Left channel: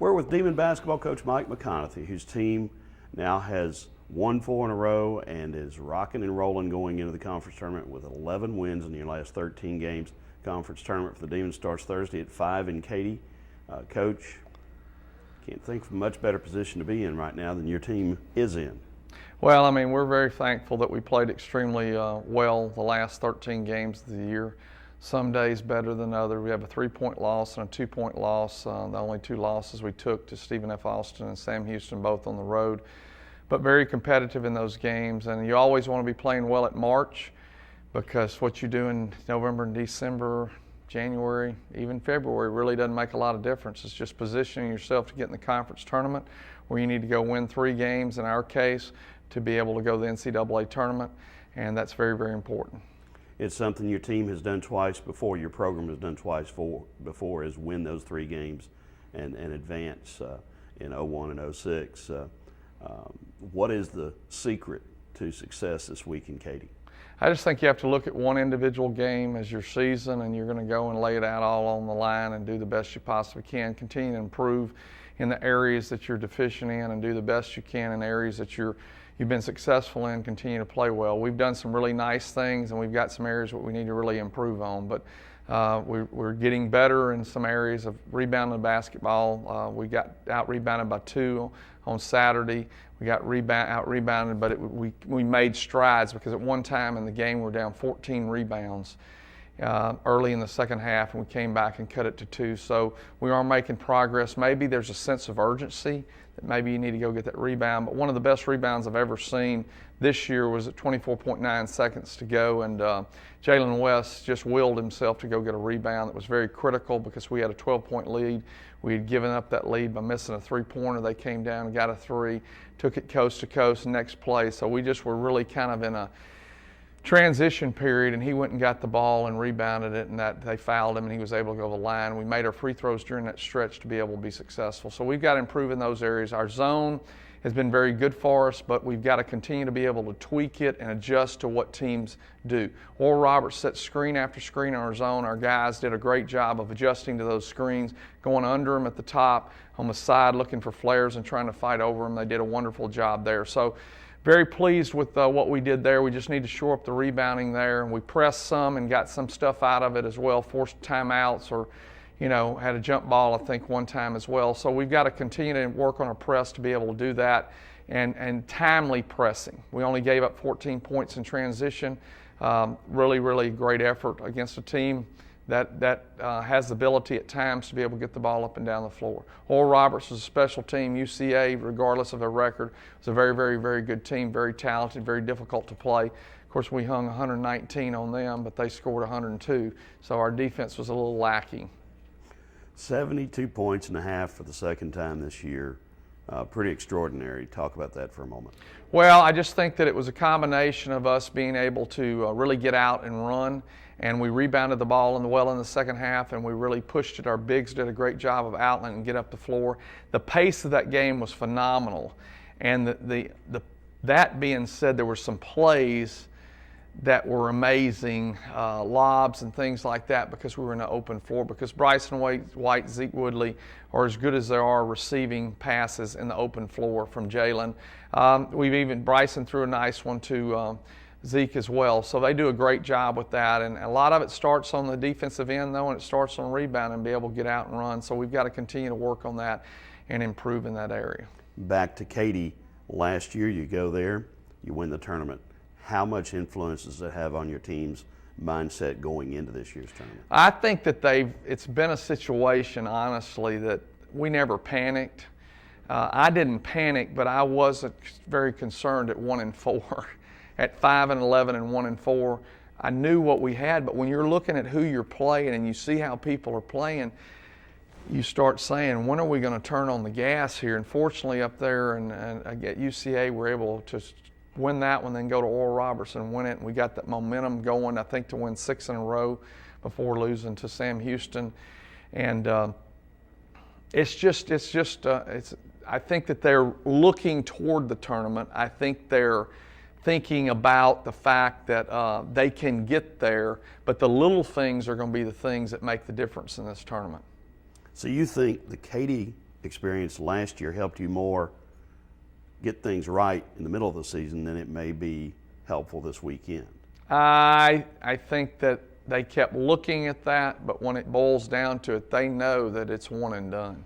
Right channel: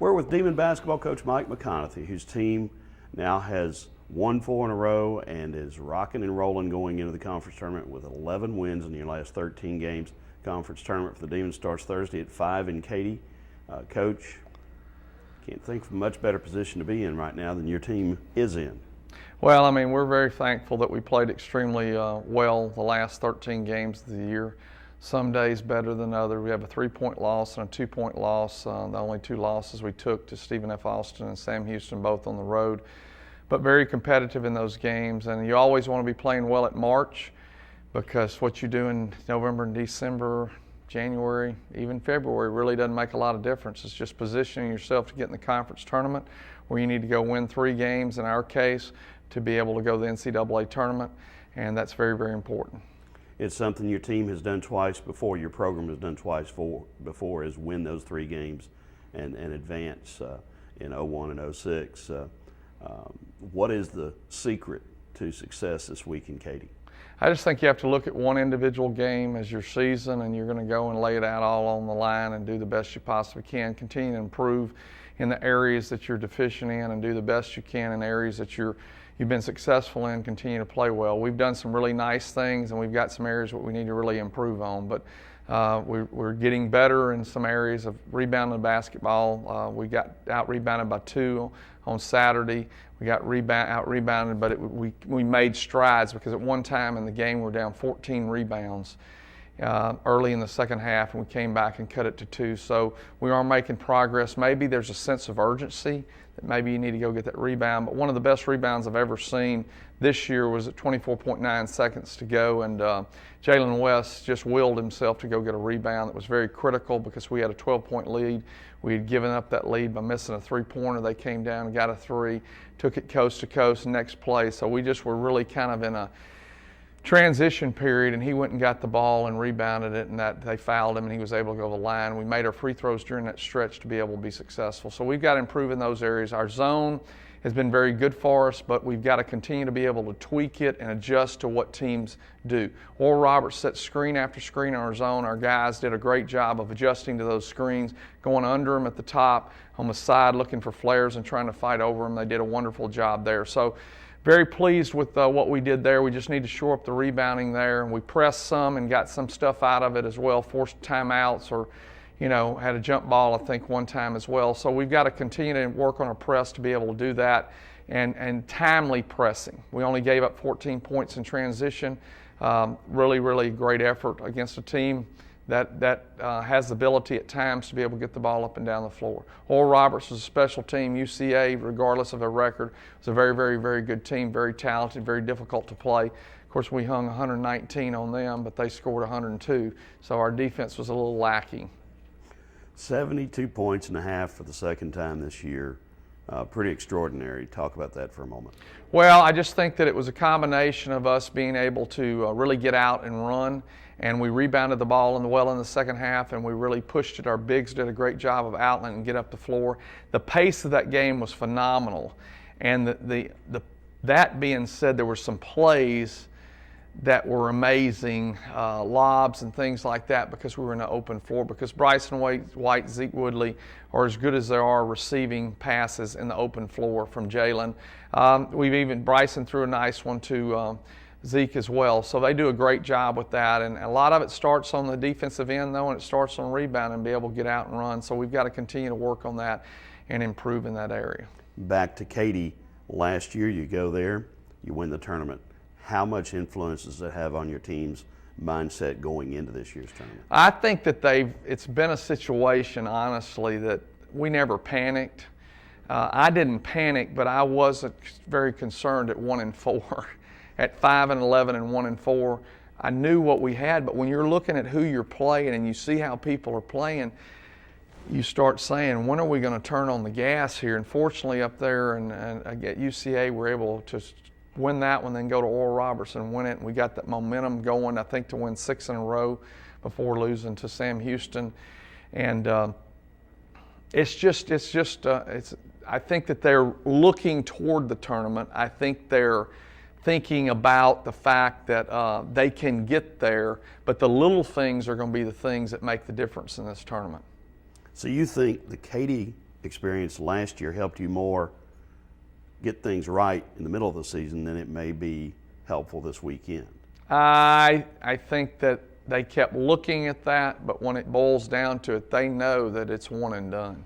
We're with Demon basketball coach Mike McConathy, whose team now has won 4 in a row and is rocking and rolling going into the conference tournament with 11 wins in your last 13 games. Conference tournament for the Demons starts Thursday at 5 in Katy. Coach, can't think of a much better position to be in right now than your team is in. Well, I mean, we're very thankful that we played extremely well the last 13 games of the year. Some days better than others. We have a 3-point loss and a 2-point loss. The only 2 losses we took to Stephen F. Austin and Sam Houston, both on the road. But very competitive in those games. And you always want to be playing well at March, because what you do in November and December, January, even February really doesn't make a lot of difference. It's just positioning yourself to get in the conference tournament, where you need to go win 3 games in our case to be able to go to the NCAA tournament, and that's very, very important. It's something your team has done twice before, your program has done twice before, is win those 3 games and advance in 01 and 06. What is the secret to success this week in Katy? I just think you have to look at one individual game as your season, and you're going to go and lay it out all on the line and do the best you possibly can. Continue to improve in the areas that you're deficient in and do the best you can in areas that you've been successful in. Continue to play well. We've done some really nice things, and we've got some areas that we need to really improve on. But we're getting better in some areas of rebounding the basketball. We got out-rebounded by 2 on Saturday. We got out-rebounded, but we made strides, because at one time in the game we were down 14 rebounds early in the second half, and we came back and cut it to 2. So we are making progress. Maybe there's a sense of urgency that maybe you need to go get that rebound. But one of the best rebounds I've ever seen this year was at 24.9 seconds to go, and Jalen West just willed himself to go get a rebound that was very critical, because we had a 12-point lead. We had given up that lead by missing a 3-pointer. They came down and got a 3, took it coast to coast, next play. So we just were really kind of in a transition period, and he went and got the ball and rebounded it, and that they fouled him, and he was able to go to the line. We made our free throws during that stretch to be able to be successful. So we've got to improve in those areas. Our zone has been very good for us, but we've got to continue to be able to tweak it and adjust to what teams do. Oral Roberts set screen after screen on our zone. Our guys did a great job of adjusting to those screens, going under them at the top, on the side, looking for flares and trying to fight over them. They did a wonderful job there. So very pleased with what we did there. We just need to shore up the rebounding there. And we pressed some and got some stuff out of it as well, forced timeouts, or had a jump ball, I think, one time as well. So we've got to continue to work on our press to be able to do that, and timely pressing. We only gave up 14 points in transition. Really, really great effort against a team that has the ability at times to be able to get the ball up and down the floor. Oral Roberts was a special team. UCA, regardless of their record, was a very, very, very good team, very talented, very difficult to play. Of course, we hung 119 on them, but they scored 102, so our defense was a little lacking. 72 points and a half for the second time this year. Pretty extraordinary. Talk about that for a moment. Well, I just think that it was a combination of us being able to really get out and run, and we rebounded the ball in the second half, and we really pushed it. Our bigs did a great job of outletting and get up the floor. The pace of that game was phenomenal, and that being said, there were some plays that were amazing, lobs and things like that, because we were in an open floor, because Bryson White, Zeke Woodley are as good as they are receiving passes in the open floor from Jalen. Bryson threw a nice one to Zeke as well. So they do a great job with that, and a lot of it starts on the defensive end, though, and it starts on rebound and be able to get out and run. So we've got to continue to work on that and improve in that area. Back to Katy, last year you go there, you win the tournament. How much influence does it have on your team's mindset going into this year's tournament? I think that it's been a situation, honestly, that we never panicked. I didn't panic, but I wasn't very concerned at 1-4. At 5-11 and 1-4, I knew what we had, but when you're looking at who you're playing and you see how people are playing, you start saying, when are we going to turn on the gas here? And fortunately up there and at UCA, we're able to win that one, then go to Oral Roberts and win it. And we got that momentum going, I think, to win 6 in a row before losing to Sam Houston. And I think that they're looking toward the tournament. I think they're thinking about the fact that they can get there, but the little things are going to be the things that make the difference in this tournament. So you think the Katy experienced last year helped you more get things right in the middle of the season than it may be helpful this weekend? I think that they kept looking at that, but when it boils down to it, they know that it's one and done.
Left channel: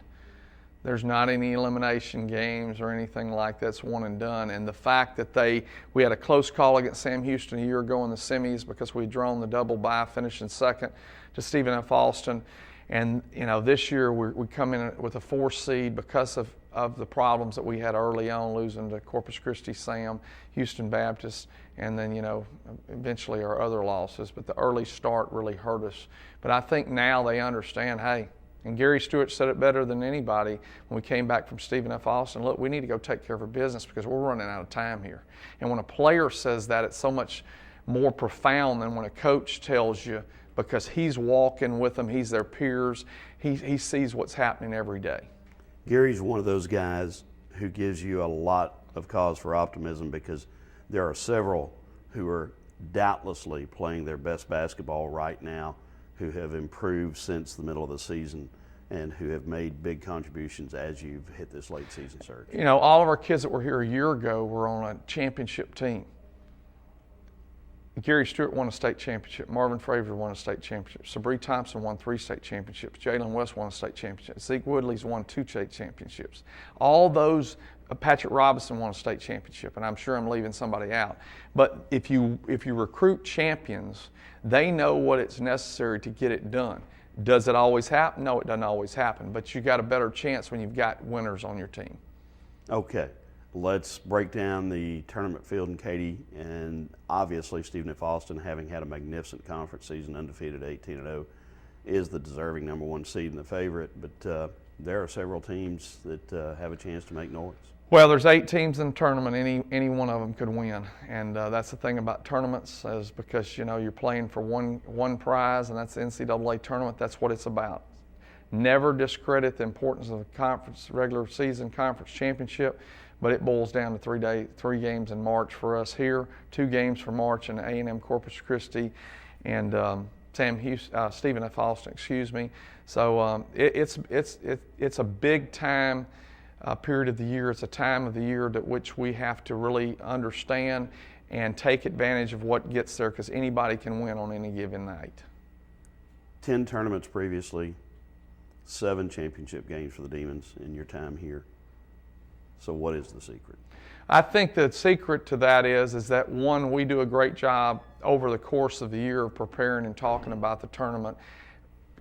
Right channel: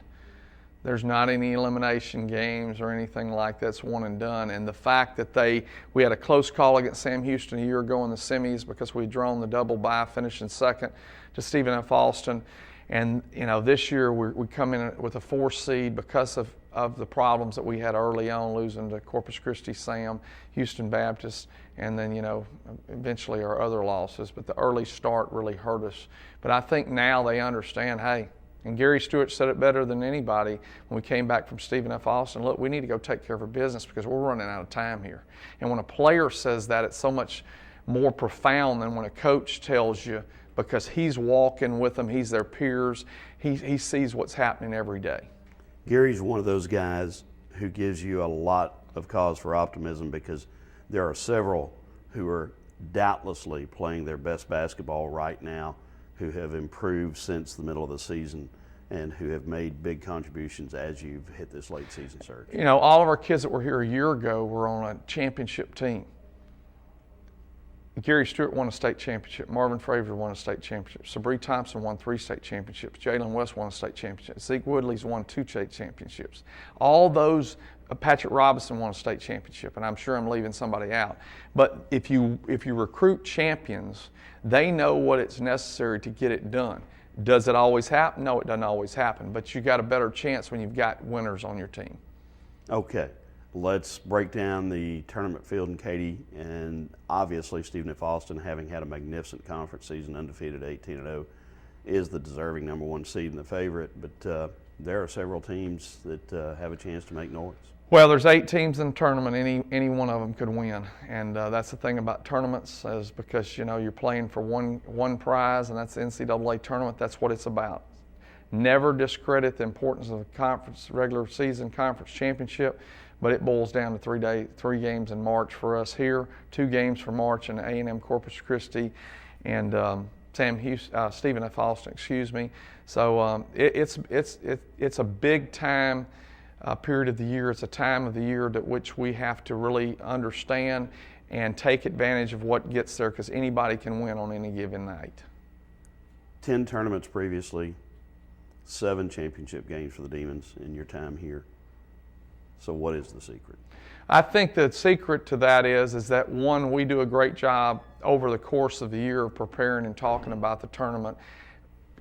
There's not any elimination games or anything like that. It's one and done. And the fact that we had a close call against Sam Houston a year ago in the semis because we'd drawn the double bye, finishing second to Stephen F. Austin. And, this year we come in with a 4 seed because of the problems that we had early on, losing to Corpus Christi Sam, Houston Baptist, and then, eventually our other losses. But the early start really hurt us. But I think now they understand, hey, and Gary Stewart said it better than anybody when we came back from Stephen F. Austin. Look, we need to go take care of our business because we're running out of time here. And when a player says that, it's so much more profound than when a coach tells you, because he's walking with them, he's their peers, he sees what's happening every day. Gary's one of those guys who gives you a lot of cause for optimism because there are several who are doubtlessly playing their best basketball right now, who have improved since the middle of the season and who have made big contributions as you've hit this late season surge. All of our kids that were here a year ago were on a championship team. Gary Stewart won a state championship. Marvin Frazier won a state championship. Sabree Thompson won 3 state championships. Jalen West won a state championship. Zeke Woodley's won 2 state championships. All those, Patrick Robinson won a state championship, and I'm sure I'm leaving somebody out. But if you recruit champions, they know what it's necessary to get it done. Does it always happen? No, it doesn't always happen. But you got a better chance when you've got winners on your team. Okay. Let's break down the tournament field in Katy, and obviously Stephen F. Austin, having had a magnificent conference season, undefeated 18-0, is the deserving number 1 seed and the favorite. But there are several teams that have a chance to make noise. Well, there's 8 teams in the tournament. Any one of them could win, and that's the thing about tournaments, is because you're playing for one prize, and that's the NCAA tournament. That's what it's about. Never discredit the importance of the conference regular season conference championship, but it boils down to 3 games in March for us here, 2 games for March in A&M Corpus Christi, and Stephen F. Austin. So it's a big time period of the year. It's a time of the year that which we have to really understand and take advantage of what gets there, because anybody can win on any given night. 10 tournaments previously, 7 championship games for the Demons in your time here. So what is the secret? I think the secret to that is that, one, we do a great job over the course of the year of preparing and talking about the tournament,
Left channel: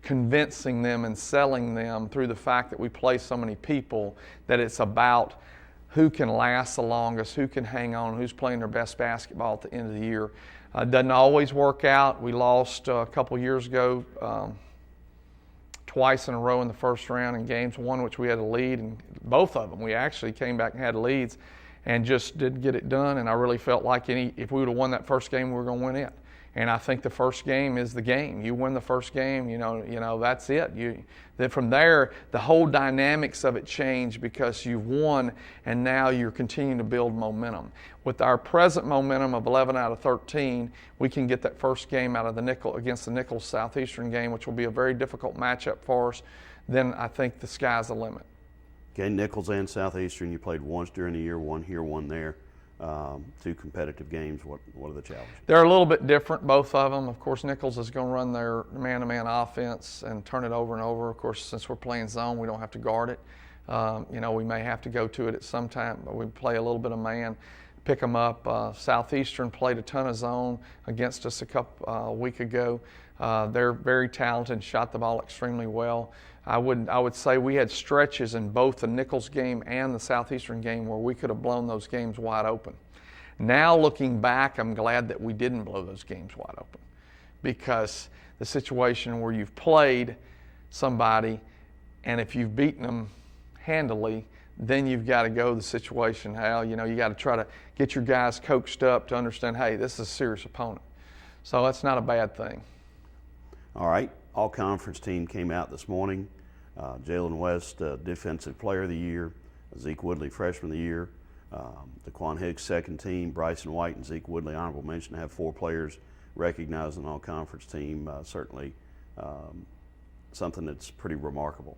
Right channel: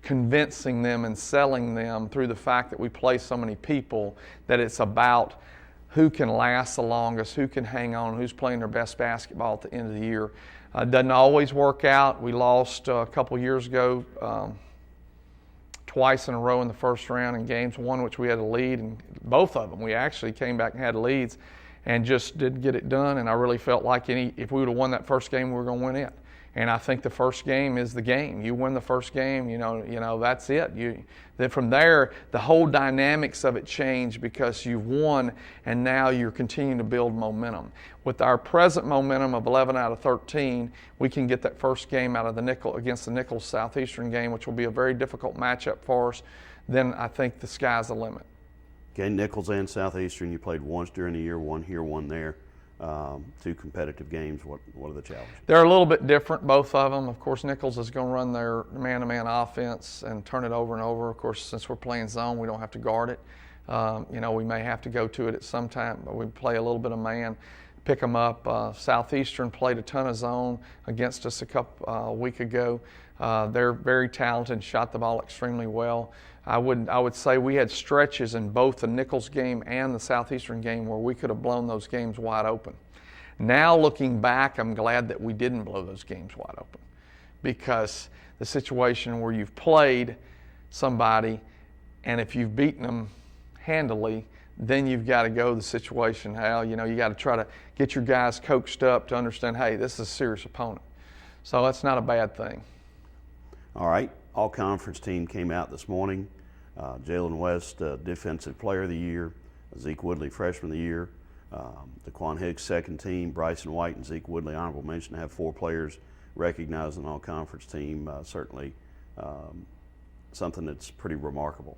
convincing them and selling them through the fact that we play so many people, that it's about who can last the longest, who can hang on, who's playing their best basketball at the end of the year. It doesn't always work out. We lost a couple years ago twice in a row in the first round in games, one which we had a lead, and both of them we actually came back and had leads and just didn't get it done. And I really felt like if we would have won that first game, we were going to win it. And I think the first game is the game. You win the first game, that's it. Then from there, the whole dynamics of it change because you've won, and now you're continuing to build momentum. With our present momentum of 11 out of 13, we can get that first game out of against the Nichols Southeastern game, which will be a very difficult matchup for us. Then I think the sky's the limit. Okay, Nichols and Southeastern, you played once during the year, one here, one there. 2 competitive games. What are the challenges? They're a little bit different, both of them. Of course, Nichols is going to run their man-to-man offense and turn it over and over. Of course, since we're playing zone, we don't have to guard it. We may have to go to it at some time, but we play a little bit of man, pick them up. Southeastern played a ton of zone against us a week ago. They're very talented and shot the ball extremely well. I would say we had stretches in both the Nichols game and the Southeastern game where we could have blown those games wide open. Now looking back, I'm glad that we didn't blow those games wide open, because the situation where you've played somebody and if you've beaten them handily, then you've got to go the situation how, you got to try to get your guys coached up to understand, hey, this is a serious opponent. So that's not a bad thing. All right. All-conference team came out this morning. Jalen West, Defensive Player of the Year. Zeke Woodley, Freshman of the Year. DeQuan Hicks, second team. Bryson White and Zeke Woodley, honorable mention, to have 4 players recognized in the all-conference team. Certainly something that's pretty remarkable.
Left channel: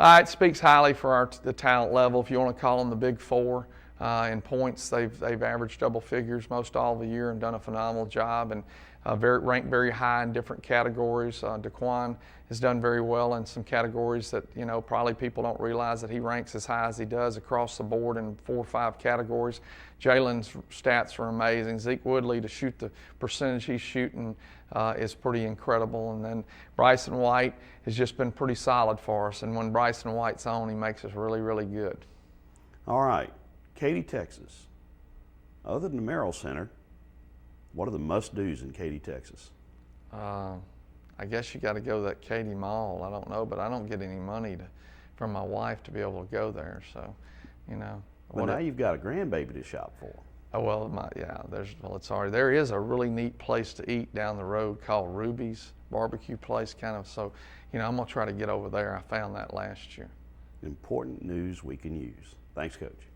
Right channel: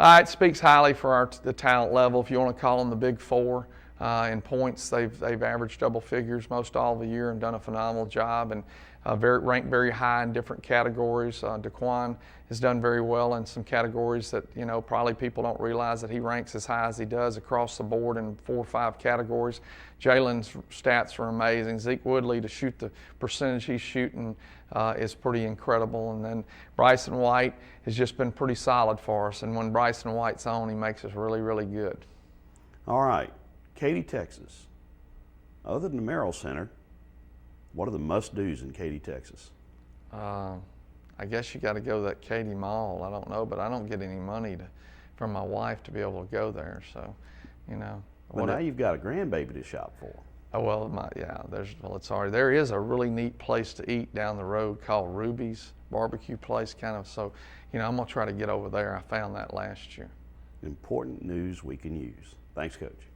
It speaks highly for the talent level, if you want to call them the Big Four. In points, they've averaged double figures most all of the year and done a phenomenal job, and ranked very high in different categories. DeQuan has done very well in some categories that probably people don't realize that he ranks as high as he does across the board in 4 or 5 categories. Jalen's stats are amazing. Zeke Woodley, to shoot the percentage he's shooting is pretty incredible. And then Bryson White has just been pretty solid for us. And when Bryson White's on, he makes us really, really good. All right, Katy, Texas. Other than the Merrill Center, what are the must-dos in Katy, Texas? I guess you got to go to that Katy Mall. I don't know, but I don't get any money from my wife to be able to go there. So, Well, now you've got a grandbaby to shop for. Oh, well, it's already, there is a really neat place to eat down the road called Ruby's barbecue place, kind of. So, I'm going to try to get over there. I found that last year. Important news we can use. Thanks, Coach.